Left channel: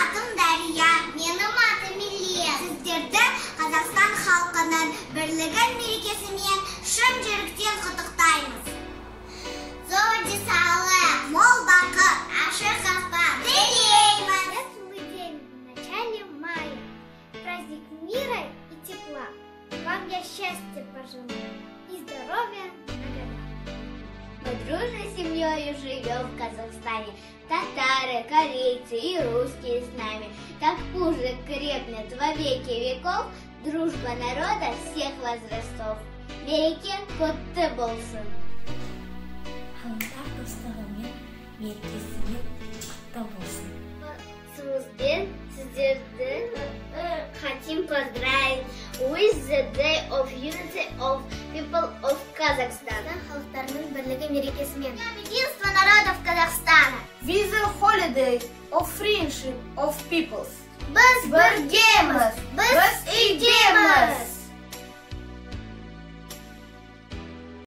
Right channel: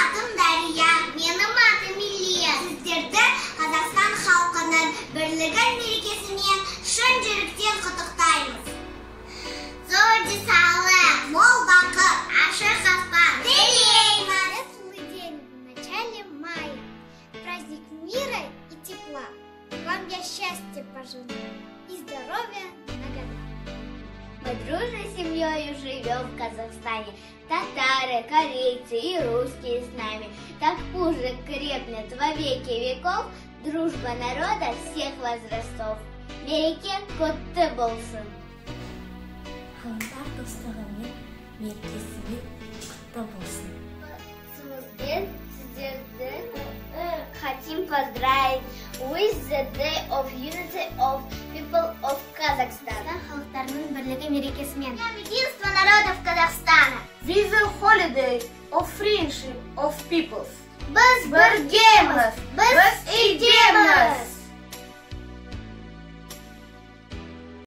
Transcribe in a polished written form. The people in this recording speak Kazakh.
атым Дария, менің атым Илья. Сіздерді Қазақстан халқының бірлігі мерекесімен шын жүректен құттықтаймыз. Зор денсаулық, мол бақыт, ашық аспан тілейміз. Светлый день в начале мая, праздник мира и тепла. Вам я счастья пожелаю и здоровья на года. Мы дружной семьей живем в Казахстане. Татары, корейцы и русские с нами. Так пусть крепнет во веки веков дружба народа всех возрастов. Береке құтты болсын. Халықтар достығымен мерекесімен құтты болсын. Сіздерді хотим поздравить with the Day of Unity of People of Kazakhstan. Халықтарының бірлігі мерекесімен. Единство народов Казахстана. With the holiday of friendship of peoples. Biz birgamiz.